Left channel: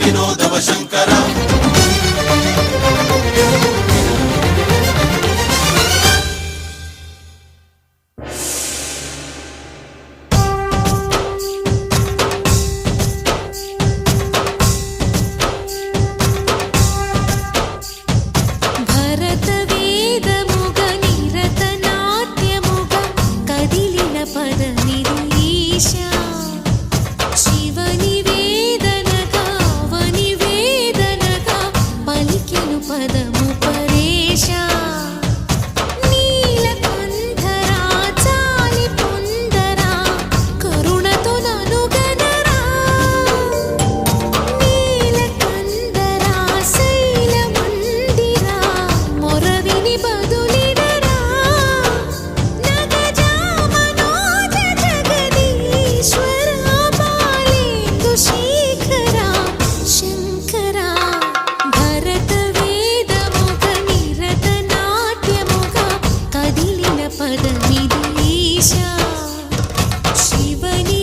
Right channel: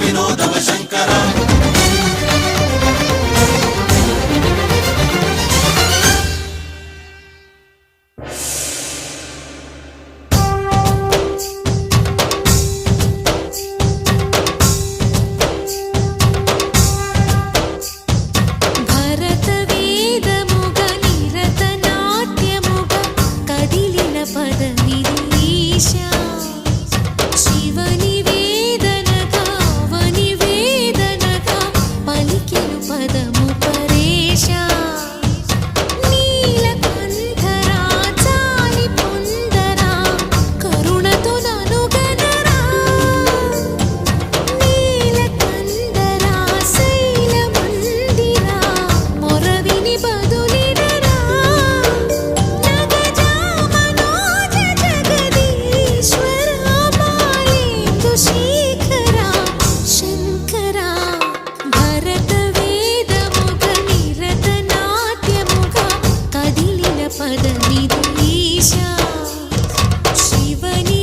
వినోదవ శంకర పదమిదీశా శివని వేదనగా వని వేదనగా పలికెను పదము పరేశా నీలకంఠరా చాలి పొందరా కరుణతో ననుగనరా నీలకంఠరా శైల మందిరా మొరవిని బదులిడరా శేఖరా శంకరా భరత వేదముగ నిరత నాట్యముగ కదిలిన పదమిదీశా శివని